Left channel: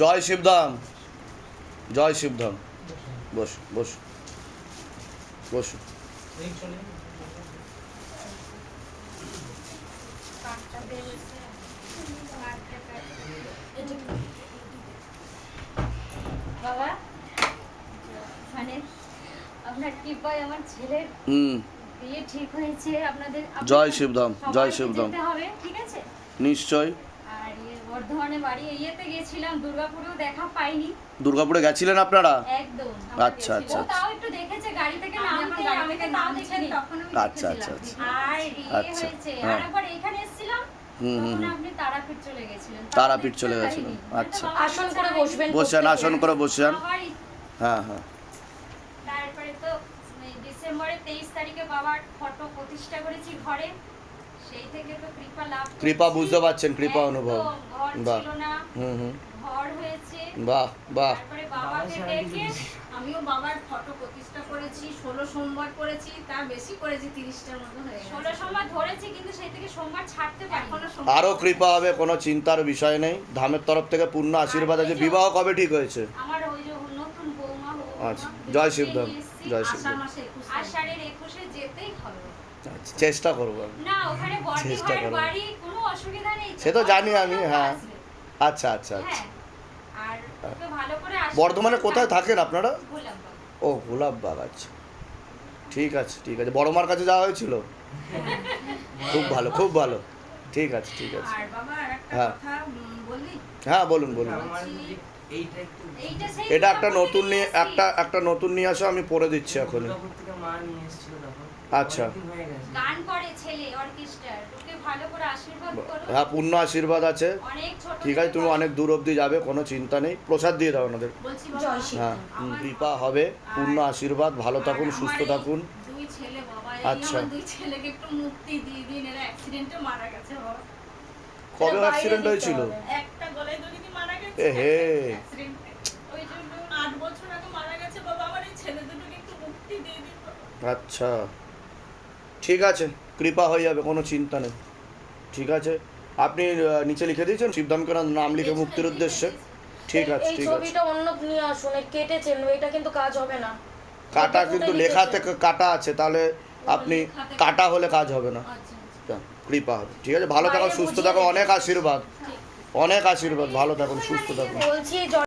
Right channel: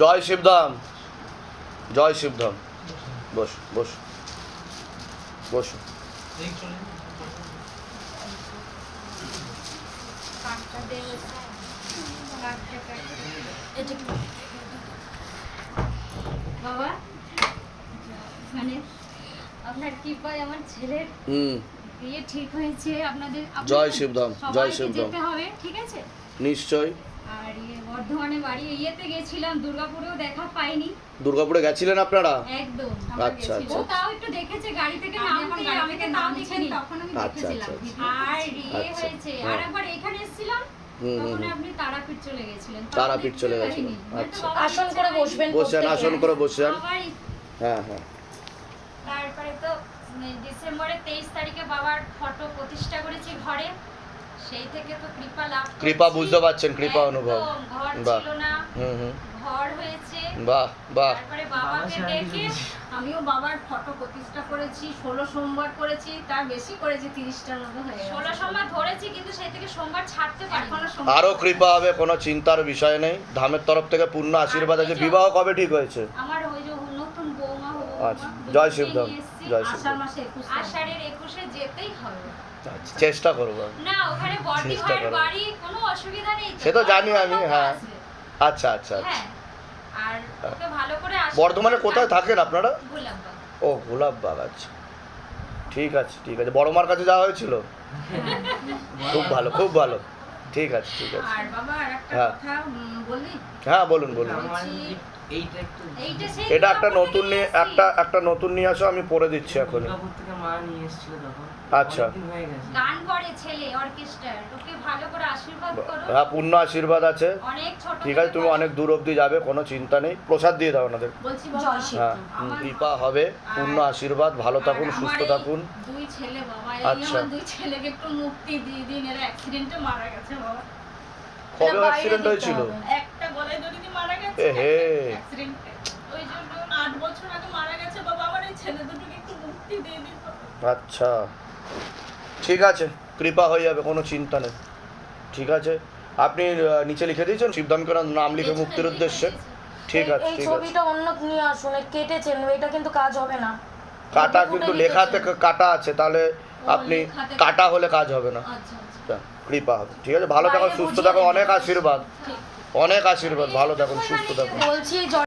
জয় শিবধাম, জয় শিবধাম। বস বস বস। বাবা মানে আপনার কৃপায় আমার ছেলের বিয়ে ঠিক হয়েছে। আপনাদের জয় শিবধাম, জয় শিবধাম। যেতে হবে, ঠিক আছে? নিশ্চয়। আর বর্ধমানে বাড়ি ইয়েতে গেছিলাম, দুর্গাপুরেও দেখা পাইনি। দুর্গাপুরে গেছিলেন আপনারা? একদম। আচ্ছা ও আচ্ছা তাও একটু দেখেছে গাড়ি থেকে নামতে, আমি তো তাও দেখিনি। তখন আমি আচ্ছা দেখেছিলাম। আচ্ছা আর ইয়ে হয়েছে, আর একবার এখানে এসেছিলাম, তখন আপনি তারাপীঠ চলে গেছিলেন। তারাপীঠ চলে গেছিলেন, আচ্ছা। আসন করে বসবেন, বসেন, আসন করে বসেন। আবার হ্যাঁ হ্যাঁ। তারপরে তো ডিসেম্বরের 23 তারিখে বাবার ফটো প্রতিষ্ঠা করেছি ঘরে। সেই থেকে তো কৃপা লাভ করছি। কৃপা বুঝতে পারছেন, কৃপা অনুভব। একদম, ঘর বাহ। ছিল না, ঘর হয়েছে। বাহ বাহ। তারপরে বাবাকে দেখে আমিও বাবার ফটো প্রতিষ্ঠা করেছি, 16 সোমবার করেছি, তার বেশি করেছি, 30টার মতো হয়ে গেছে। 16 সোমবার ধরেছি, কিন্তু সেই থেকে সোমবার ছাড়তে পারি এখনো না। সোমবার আরো কৃপা হবে, কোনো চিন্তার বিষয় নেই। ধামের তরফ থেকে পূর্ণ আশীর্বাদ আছে। বিবাহ কবে ঠিক হয়েছে? আমার ওই যে নতুন বৌমা আচ্ছা, জয় শিবধাম, জয় আষাঢ় শিবধাম। মাসে 21 আষাঢ়ের 21-এ যেতেই হবে। আচ্ছা, চেষ্টা করবো আমি। না, ওখানে বড়দি চেষ্টা ভাইয়ের করো। বাড়ি, কোনো অসুবিধা নেই তো। সে তো জানি আমি, বর্ধমান হ্যাঁ। আসবে। আচ্ছা আচ্ছা আচ্ছা। হ্যাঁ, আর ওকে ভালো করে বর্ধমানে কোথায় থাকেন আপনারা? গোলাপবাগ। ও, গোলাপবাগ। আচ্ছা, ঠিক আছে ঠিক আছে। বড় মার কাছে যাওয়া হয়েছিল? খুব ভালো, খুব ভালো। ঠিক আছে ঠিক আছে। আর বাবা আরেকটা হ্যাঁ। কথা বলি, হ্যাঁ বলুন বলুন। এইটা সেই এটা একটা দুর্গাপুর নতুন থেকে নিয়ে, এসেছি। একটা নতুন নিয়ে আসো, আমি পড়ে দিচ্ছি এখন। দুর্গাপুর থেকে মা নিয়ে এসেছিল তখন। আচ্ছা। অনেকদিন হয়ে গেছে। গান করে ছেলে, অর্কেস্ট্রার। ওকে ভালো করে আশীর্বাদ করো। হ্যাঁ, পূর্ণ আশীর্বাদ আছে। অনেক ছোট ঠিক আছে, তুমি অনেক দূর অবধি যাবে, কোনো চিন্তা নেই। প্রসাদ দিয়ে দাও ওনাদের। বলছি বাবা, জয় শিব। হ্যাঁ, কৃপা হবে, পূর্ণ আশীর্বাদ। ভালো থাকুন, আর সুস্থ আমার এই থাকুন। দুই ছেলে বাবা, এই আচ্ছা। আমার দুই ছেলেকে একটু মুক্তি দিয়ে দিন, এরা অ্যাক্সিডেন্টে মারা গেছে বাবা। কবে বাইরে অ্যাক্সিডেন্ট দিতে হয়েছিল? হবে। একটা গলায় দড়ি দিয়ে মারা গেছে, এহে। অ্যাক্সিডেন্টে। ওই জন্য 8 বছর আগে মারা গেছে বাবা। আমার এই ছেলে দুটোকে একটু মুক্তি দিয়ে দিন বাবা। আচ্ছা, ঠিক আছে, কৃপা হয়ে যাবে, কোনো চিন্তা নেই। ঠিক আছে, আপনি নিচে লিখে দিয়েছেন শিবধামকে নাম লিখে মুক্তির উদ্দেশ্যে? ঠিক আছে এই ঠিক আছে। ছবিটা অন্য নিয়ে আসুন, কেটেছেন, এটা কিন্তু কাজ হবে না। কাটা কিন্তু লেখা থেকে কাটা আছে, তাহলে আপনি কাটা হলে কাজ হবে না। আচ্ছা আচ্ছা, হ্যাঁ, কৃপা হবে। ঠিক আছে, ভালো থাকো, সুস্থ থাকো, অনেক আশীর্বাদ, অনেক আশীর্বাদ। ভালো থাকুন, সুস্থ থাকুন। বলছি